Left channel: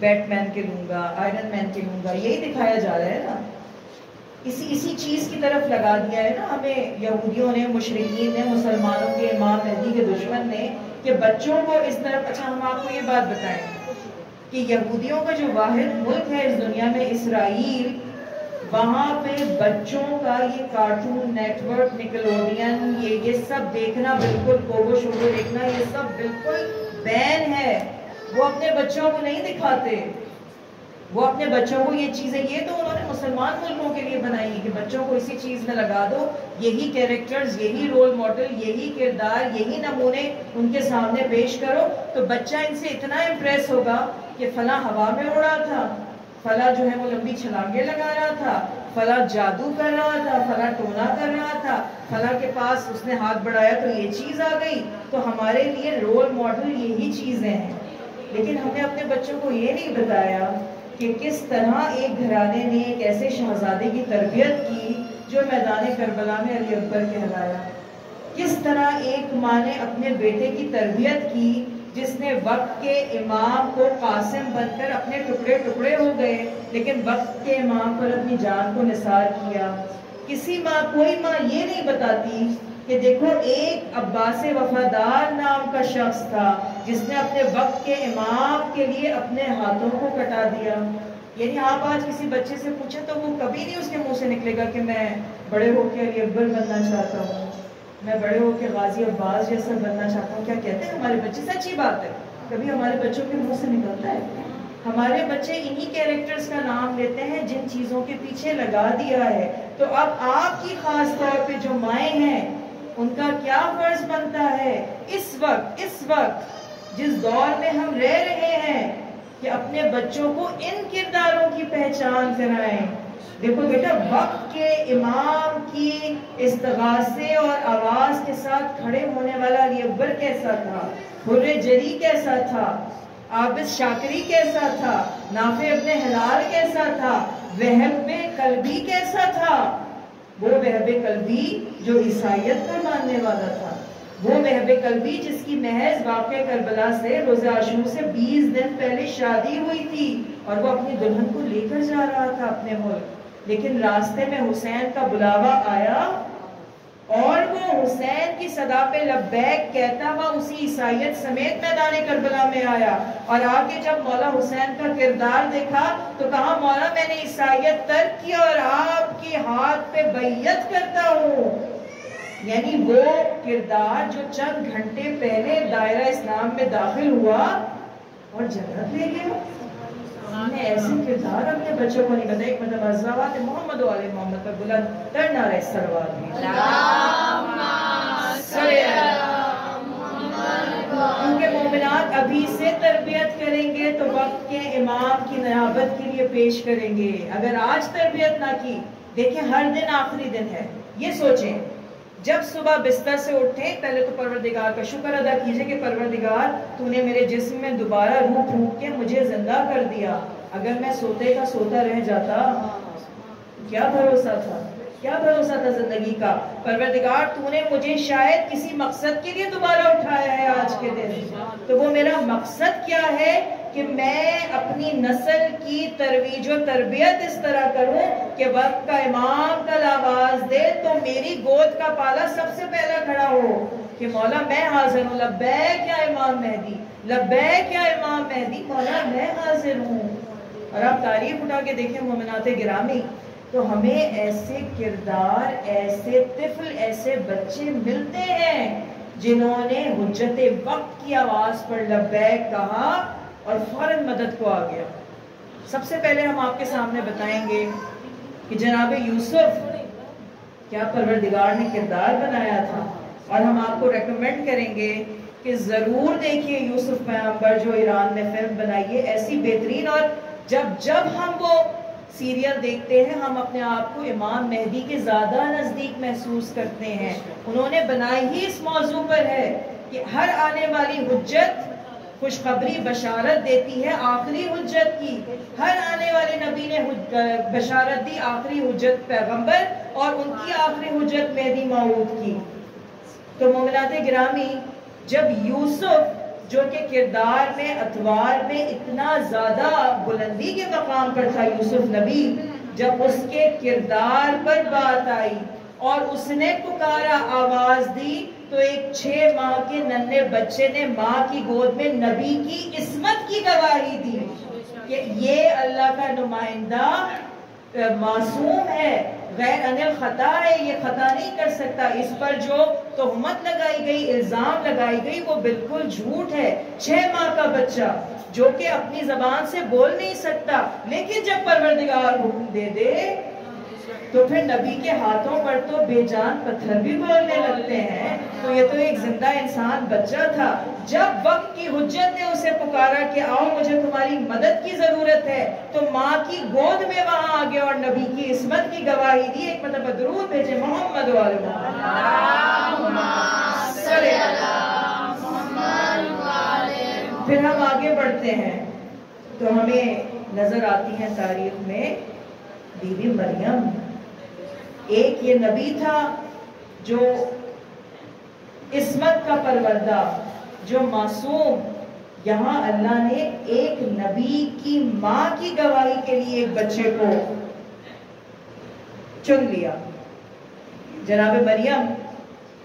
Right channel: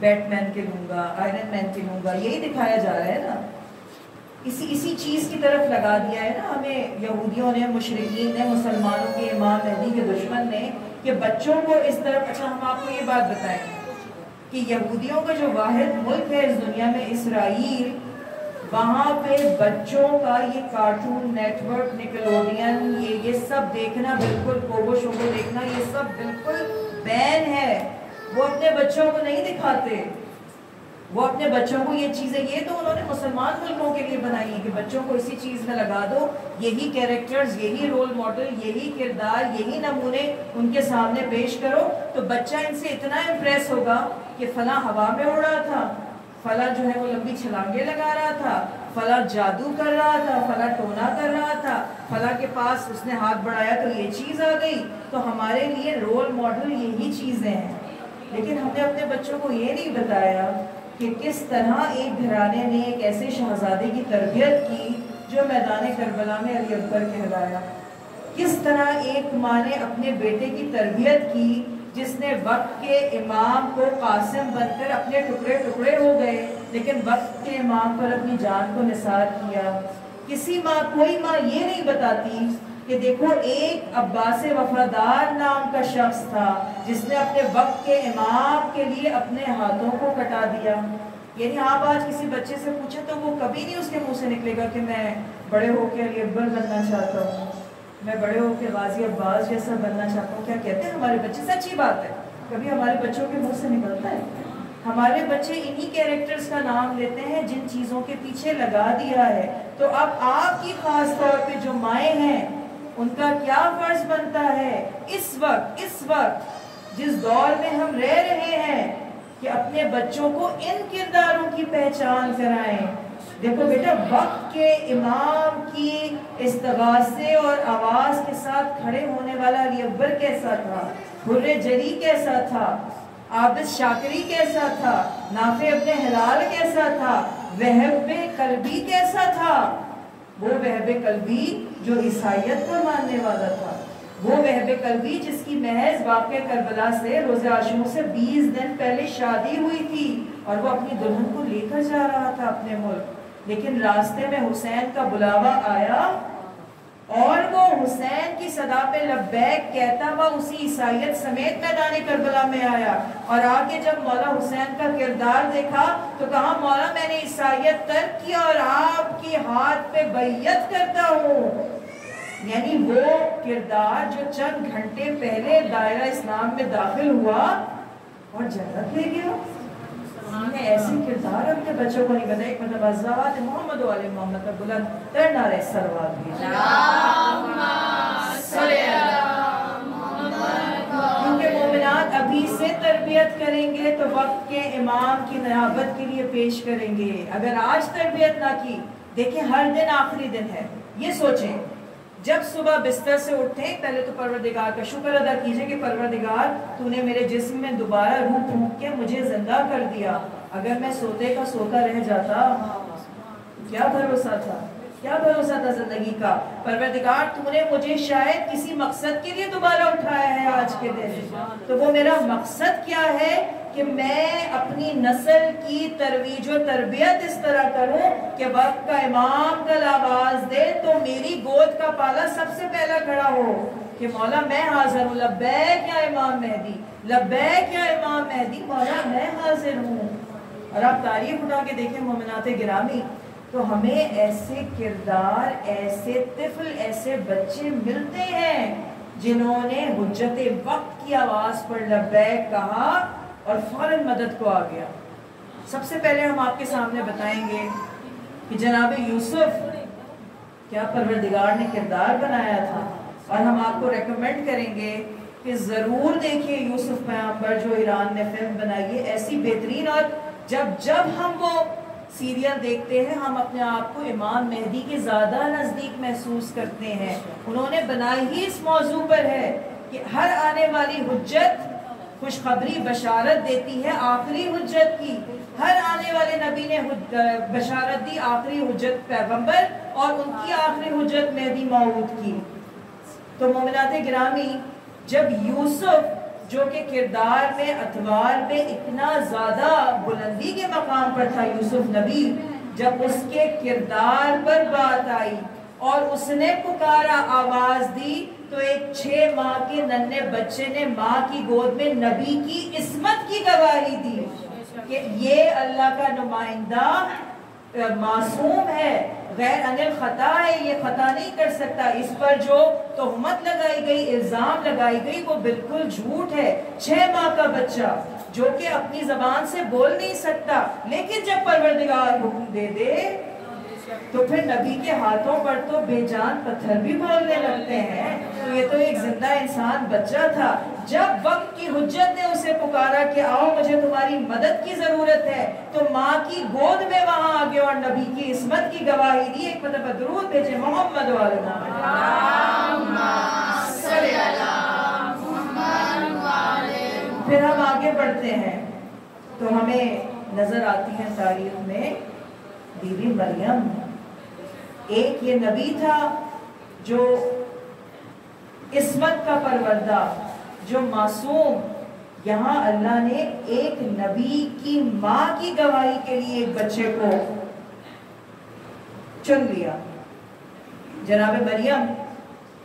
Bat مین کے لوں گا، iron مین کے لوں گا، یہی دکھایا جا رہا ہے نا. اسی چیز کی طرف لگا دیا ہے نا ہمیں یہودیوں نے، مشرکین نے، مسلمانوں کے امام مہدی کے دشمن نے، کہ بچوں کو اس طرف. اچھا ہم آپ کو یہ بات بتائیں کہ یہودیوں کا جو واحد ملک ہے اس دنیا میں، اسرائیل، وہاں پہ بچوں کا یہ کارٹون نیٹ ورک، نکلوڈین، یہ سب دیکھنا، بالکل پوگو شوگو دیکھنا، یہ سب بالکل بین ہے. وہ اپنے بچوں کو نہیں دکھاتے، وہ اپنے بچوں کو یہ چیزیں، یہ تو انہوں نے مسلمان ملکوں کے لیے بنائی ہیں کہ بچوں کو اسی چیز میں لگا دو، یہی کیریکٹرز، یہی رول ماڈل، یہی کردار، یہی نمونے ان کے سامنے پیش کرو تو بچہ ان سے اتنا امپریس ہوگا کہ فلاں ہوا میں اڑا تھا، فلاں جو ہے وہ لمبی چھلانگیں لگا رہا تھا، فلاں جادو کر رہا تھا، فلاں ٹونا کر رہا تھا، فلاں کے پاس اس نے ہاتھ بڑھایا تو یہ چیز آ گئی. تو ہمارے لیے رول ماڈل یہی چیزیں ہیں. لیکن ہم نے اپنے بچوں کو یہ نہیں بتایا کہ کس طرح ایک گھرانے نے ایک ایسے شہزادے کی تربیت کی جو میدان کربلا میں علی اکبر کہلایا. کس طرح ایک ماں نے اپنے بیٹے کی تربیت کی جس نے وقت کے امام کو قاسم بن کر اپنے ٹکڑے ٹکڑے ہو گئے، لیکن وقت کے امام پر اپنی جان کو نثار کیا. کسی ماں، کوئی ماں یہ نہیں بتاتی کہ دیکھو ایک عباس وفادار نام کا شخص تھا جس نے اپنے وقت کے امام کے لیے اپنے ہاتھوں کو کٹا دیا. یعنی آپ آج کسی بچے سے پوچھیں تو وہ کبھی نہیں اس کے منہ سے نکلے گا کہ میں بڑے ہو کے علی اکبر بننا چاہتا ہوں، میں بڑے ہو کے غازی عباس جیسا بننا چاہتا ہوں. کیا کہتے ہیں ہمارے بچے؟ سچی بات ہے، کبھی ہمارے بچوں کے منہ سے نکلتا ہے؟ ہمارے بچے انہی کیریکٹرز کا نام لیتے ہیں جن چیزوں کے پیچھے لگا دیا ہے. تو اب آپ کی خاص طور پہ جو مائیں ہیں ان کا کیا فرض بنتا ہے اس وقت جس دور میں ہم رہ رہے ہیں کہ اپنے بچوں کو ان کرداروں کی پہچان کرائیں. دیکھو بیٹا، وقت کے امام کی استغاثے اور آواز کے ساتھ کھڑے ہونے والا علی اکبر کیسا تھا، حر جری کیسا تھا، عابد شاکری کیسا تھا، نافع ابن ہلال کیسا تھا، وہب قلبی کیسا تھا. وہ وہب قلبی جو عیسائیت کا ماننے والا تھا، وہ وہب قلبی جس کی محض واقع کربلا سے روز عاشور سے 20 دن پہلے شادی ہوئی تھی اور وہ اپنی دلہن کو لے کر جا رہا تھا اپنے ملک. لیکن راستے میں حسین کا بلاوا آیا اور وہ حسین کی صدا پہ لبیک کہتا ہوا اسی عیسائیت سمیت میدان کربلا میں آیا. اور آگے جب مولا حسین کا کردار دیکھا تو کہا مولا میں نے عیسائیت ترک کی اور آپ کی ہاتھ پہ بیعت کرتا ہوں. یعنی وہ کردار جو چند گھنٹے پہلے دائرہ اسلام میں داخل ہوا اور جنت لے گیا. ایسے کردار اپنے بچوں کو نہیں بتایا. ایک مرتبہ زوات محمد و آل محمد پر بلند تر نعرہ سلوات بھی، کیونکہ مومنات ابھی سے تربیت کریں گے تو وقت کے امام کی نیابت کے لیے پیش کریں گے. اگر آج تربیت نہ کی، دیکھیں ہر دن آخری دن ہے. یہ سوچیں جب صبح بستر سے اٹھیں پہلے تو پروردگار کا شکر ادا کیجئے کہ پروردگار تو نے میرے جسم میں دوبارہ روح پھونک کے مجھے زندہ کر دیا. اگر میں سوتے کا سوتا رہ جاتا، کیا بھروسہ تھا، کیا بھروسہ تھا زندگی کا. پروردگار تو نے مجھے شاید کسی مقصد کے لیے دوبارہ اٹھایا ہے آج کے دن. تو وہ میرا مقصد کیا ہے کہ میں اپنی نسل کی ترویج و تربیت اس طرح کروں کہ وقت کا امام کل آواز دے تو میری گود کا پالا سب سے پہلا کھڑا ہو کہ مولا میں حاضر ہوں، لبیک یا امام مہدی، لبیک یا امام مہدی، مولا میں حاضر ہوں. اور آپ تاریخ اٹھا کے دیکھیں مومنات گرامی تو ہمیں ایسے کردار، ایسے طفل، ایسے بچے ملتے ہیں جنہوں نے حجت وقت کی آواز پر لبیک کہا اور فوراً مدد کو آ گیا. سب سے پہلے ہم آپ کے سامنے بتائیں گے کہ جناب یوسف کیا پروردگار نے کردار بنایا تھا، اور ہم آپ کو ریکمینڈ کریں گے کہ ضرور دیکھیے یوسف پیغمبر جو ایران نے فلم بنائی ہے، ایسی بہترین. اور جب ہم وہ سیریل دیکھتے ہیں ہم اپنے آپ کو امام مہدی کے زیادہ نزدیک محسوس کرتے ہیں. انہوں نے بنائی ہی اس موضوع پر ہے کہ ہر آنے والی حجت خوشخبری بشارت دیتی ہے آخری حجت کی. ہر آنے والے نبی نے بشارت دی آخری حجت پیغمبر اور ان کی آخری حجت مہدی موعود کی. تو مومنات گرامی، جب یوسف جو کہ کردار میں، اتوار میں اتنا زیادہ بلندی کے مقام پر تھا یوسف نبی، جب اس کے کردار پر بات آئی اور اس نے پکارا، آواز دی، تو ایک 6 ماہ کے ننھے بچے نے ماں کی گود میں نبی کی عصمت کی گواہی دی کہ یہ اللہ کا نمائندہ معصوم ہے، غیر انل خطا ہے، یہ خطا نہیں کر سکتا، اس پر جو تہمت لگائی گئی، الزام لگائی گئی، وہ بالکل جھوٹ ہے۔ 6 ماہ کا بچہ جو کہ اپنی زبان سے بول نہیں سکتا، لیکن جب پروردگار حکم دے دے تو پھر نبی کے ہاتھوں پر تو بے جان پتھر بھی بولنے لگتے ہیں۔ تو یہ تو ایک زندہ انسان بچہ تھا۔ جب وقت کی حجت نے اسے پکارا کہ آؤ مجھے تمہاری مدد کی ضرورت ہے، تو ماں کی گود میں وہاں آگے اور نبی کی عصمت کی گواہی دی۔ ایک مرتبہ درود بھیجے محمد والے پھر ہم آگے بڑھتے ہیں تو ہمیں نظر آتی ہیں تاریخ میں بی بی مریم۔ ایک یہ نبی تھا جو عصمت کا پروردہ، جو معصوم، یہاں اللہ نے ایک نبی کی ماں کی گواہی کے لیے ایک بچے کو چن لیا۔ جناب مریم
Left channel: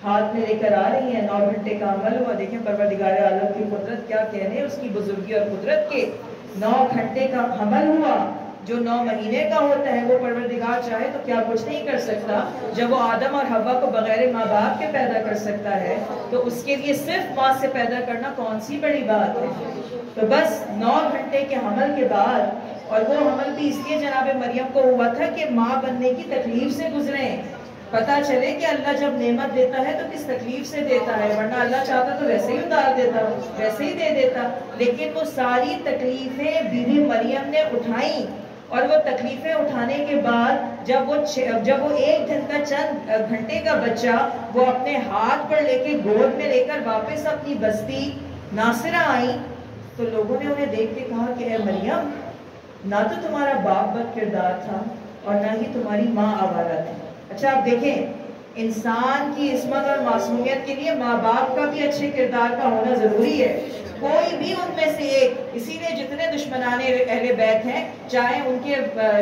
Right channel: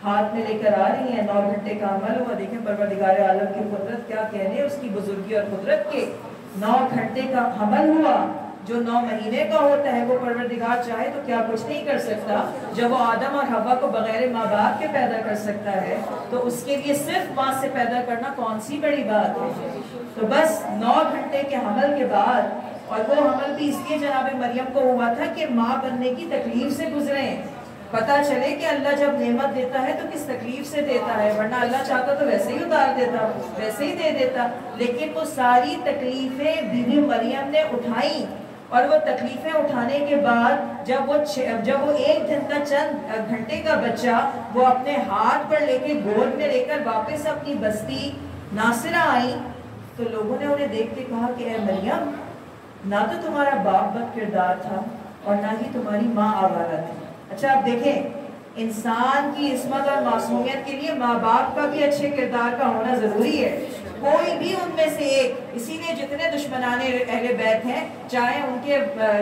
ہاتھ میں لے کر آ رہی ہیں، 9 گھنٹے کا عمل ہوا۔ دیکھیں پروردگار عالم کی قدرت، کیا کہنے اس کی بزرگی اور قدرت کے۔ 9 گھنٹے کا عمل ہوا، جو 9 مہینے کا ہوتا ہے وہ پروردگار چاہے تو کیا کچھ نہیں کر سکتا۔ جب وہ آدم اور حوا کو بغیر ماں باپ کے پیدا کر سکتا ہے تو اس کے لیے صرف ماں سے پیدا کرنا کون سی بڑی بات ہے۔ تو بس 9 گھنٹے کے حمل کے بعد، اور وہ حمل بھی اس لیے جناب مریم کو ہوا تھا کہ ماں بننے کی تکلیف سے گزریں، پتا چلے کہ اللہ جب نعمت دیتا ہے تو کس تکلیف سے دیتا ہے، ورنہ اللہ چاہتا تو ویسے ہی اتار دیتا، ویسے ہی دے دیتا۔ لیکن وہ ساری تکلیفیں بی بی مریم نے اٹھائیں، اور وہ تکلیفیں اٹھانے کے بعد جب وہ 1 دن کا چند گھنٹے کا بچہ وہ اپنے ہاتھ پر لے کے گود میں لے کر واپس اپنی بستی ناصرہ آئی، تو لوگوں نے انہیں دیکھ کے کہا کہ اے مریم، نہ تو تمہارا باپ بد کردار تھا اور نہ ہی تمہاری ماں آوارہ تھی۔ اچھا آپ دیکھیں، انسان کی عصمت اور معصومیت کے لیے ماں باپ کا بھی اچھے کردار کا ہونا ضروری ہے۔ کوئی بھی ان میں سے ایک، اسی لیے جتنے دشمنان اہل بیت ہیں، چاہے ان کے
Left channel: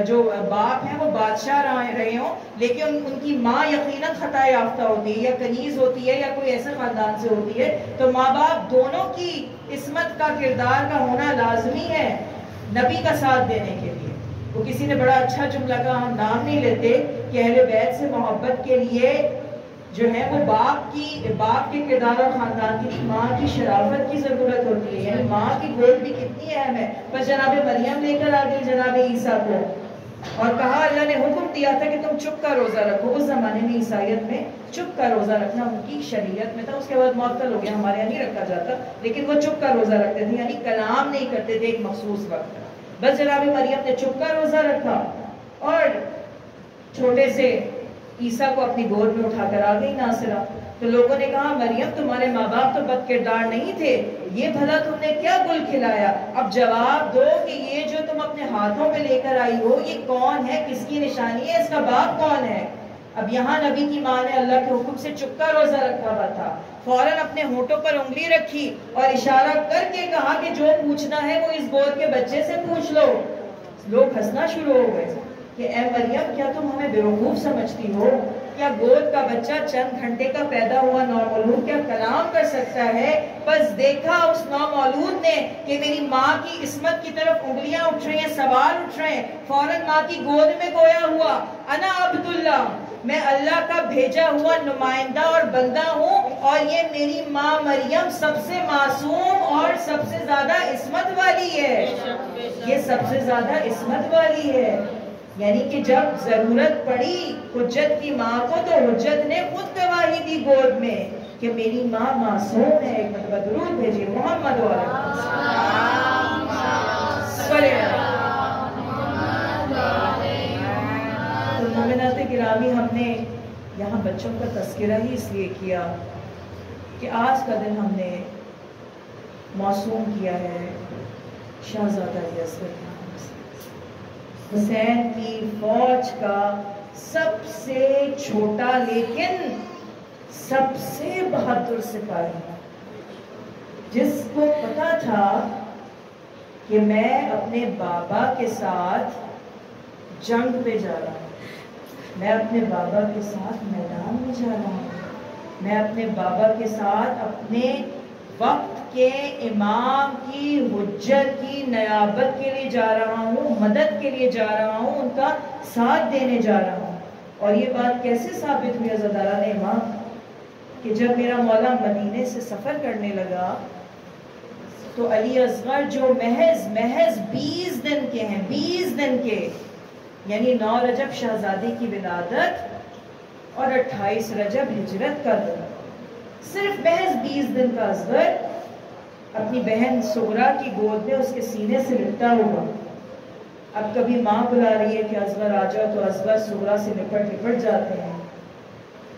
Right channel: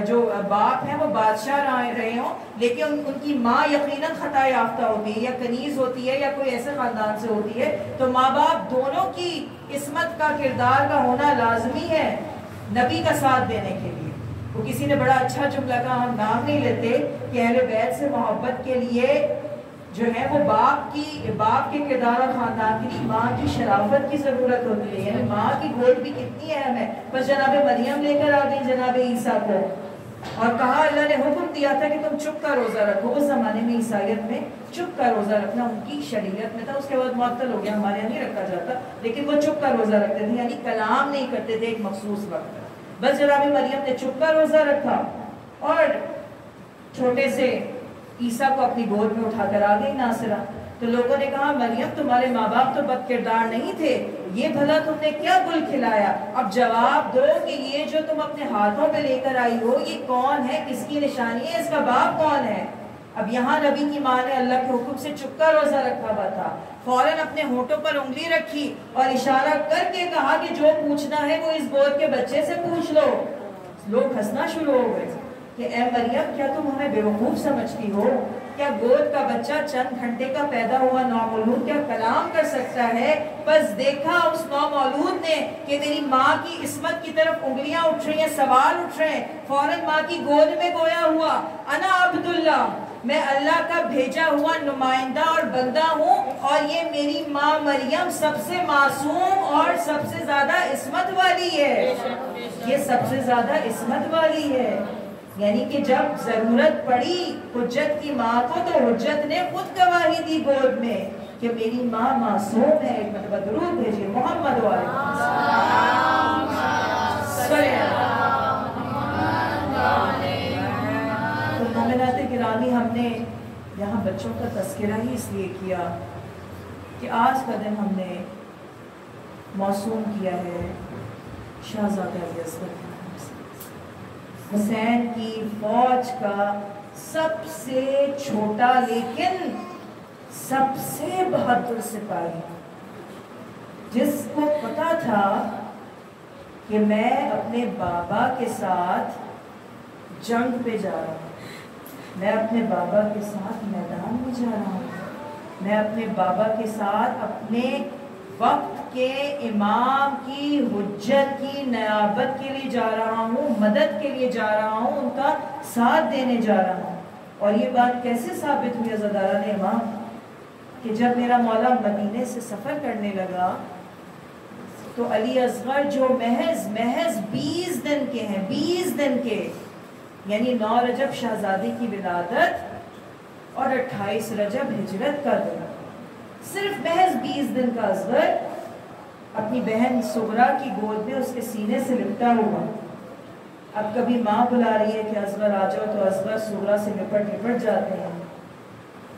جو باپ ہیں وہ بادشاہ رہے ہوں، لیکن ان کی ماں یقیناً خطا یافتہ ہوتی ہے، یا کنیز ہوتی ہے، یا کوئی ایسے خاندان سے ہوتی ہے، تو ماں باپ دونوں کی عصمت کا کردار کا ہونا لازمی ہے نبی کا ساتھ دینے کے لیے۔ وہ کسی نے بڑا اچھا جملہ کا، ہم نام نہیں لیتے، کہ اہل بیت سے محبت کے لیے جو ہے وہ باپ کے کردار اور خاندان کی نہیں، ماں کی شرافت کی ضرورت ہوتی ہے، یعنی ماں کی گود بھی کتنی اہم ہے۔ بس جناب مریم لے کر آ گئی جناب عیسیٰ کو، اور کہا اللہ نے حکم دیا تھا کہ تم چپ کا روزہ رکھو۔ اس زمانے میں عیسائیت میں چپ کا روزہ رکھنا ان کی شریعت میں تھا، اس کے بعد معطل ہو گیا، ہمارے یہاں نہیں رکھا جاتا، لیکن وہ چپ کا روزہ رکھتے تھے، یعنی کلام نہیں کرتے تھے ایک مخصوص وقت۔ بس جناب مریم نے چپ کا روزہ رکھا اور چھوٹے سے عیسیٰ کو اپنی گود میں اٹھا کر آ گئی ناصرہ۔ تو لوگوں نے کہا مریم تمہارے ماں باپ تو بد کردار نہیں تھے، یہ بھلا تم نے کیا گل کھلایا؟ اب جواب دو کہ یہ جو تم اپنے ہاتھوں پہ لے کر آئی ہو یہ کون ہے، کس کی نشانی ہے، اس کا باپ کون ہے؟ اب یہاں نبی کی ماں نے اللہ کے حکم سے چپ کا روزہ رکھا ہوا تھا، فوراً اپنے ہونٹوں پر انگلی رکھی اور اشارہ کر کے کہا کہ جو پوچھنا ہے وہ اس گود کے بچے سے پوچھ لو۔ لوگ ہنسنا شروع ہو گئے کہ اے مریم کیا تم ہمیں بیوقوف سمجھتی ہو؟ کیا گود کا بچہ چند گھنٹے کا پیدا ہوا نومولود کیا کلام کر سکتا ہے؟ بس دیکھا اس نومولود نے کہ میری ماں کی عصمت کی طرف انگلیاں اٹھ رہی ہیں، سوال اٹھ رہے ہیں، فوراً ماں کی گود میں گویا ہوا، انا عبداللہ، میں اللہ کا بھیجا ہوا نمائندہ اور بندہ ہوں، اور یہ میری ماں مریم سب سے معصوم اور سب سے زیادہ عصمت والی ہے، یہ سب سے زیادہ عصمت والی ہے۔ یعنی کہ جب ضرورت پڑی حجت کی ماں کو تو حجت نے خود گواہی دی گود میں کہ میری ماں معصوم ہے۔ ایک مرتبہ درود بھیجیے محمد علیہ تو مومنات گرامی، ہم نے یہاں بچوں کا تذکرہ ہی اس لیے کیا کہ آج کا دن ہم نے موسوم کیا ہے شہزادہ یزید حسین کی فوج کا سب سے چھوٹا لیکن سب سے بہادر سپاہی، جس کو پتا تھا کہ میں اپنے بابا کے ساتھ جنگ پہ جا رہا ہوں، میں اپنے بابا کے ساتھ میدان میں جا رہا ہوں، میں اپنے بابا کے ساتھ اپنے وقت کے امام کی حجت کی نیابت کے لیے جا رہا ہوں، مدد کے لیے جا رہا ہوں، ان کا ساتھ دینے جا رہا ہوں۔ اور یہ بات کیسے ثابت ہوئی عزاداران امام کہ جب میرا مولا مدینے سے سفر کرنے لگا تو علی اصغر جو محض 20 دن کے ہیں، 20 دن کے، یعنی 9 رجب شہزادے کی ولادت اور 28 رجب ہجرت کا دن، صرف محض 20 دن کا اصغر اپنی بہن صغرا کی گود میں اس کے سینے سے لپٹا ہوا۔ اب کبھی ماں بلا رہی ہے کہ اصغر آ جاؤ تو اصغر صغرا سے لپٹ جاتے ہیں،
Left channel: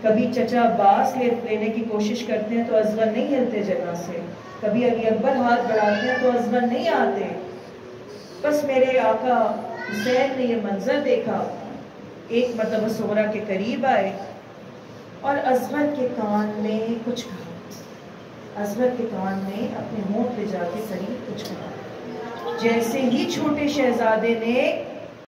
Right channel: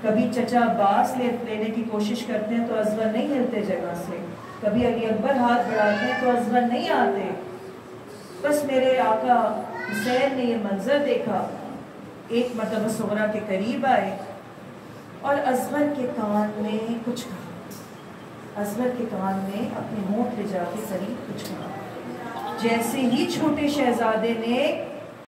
کبھی چچا عباس لینے کی کوشش کرتے ہیں تو اصغر نہیں ہلتے جگہ سے، کبھی علی اکبر ہاتھ بڑھاتے ہیں تو اصغر نہیں آتے۔ بس میرے آقا حسین نے یہ منظر دیکھا، ایک مرتبہ صغرا کے قریب آئے اور اصغر کے کان میں کچھ کہا، اصغر کے کان میں اپنے ہونٹ پہ جا کے قریب کچھ کہا۔ جیسے ہی چھوٹے شہزادے نے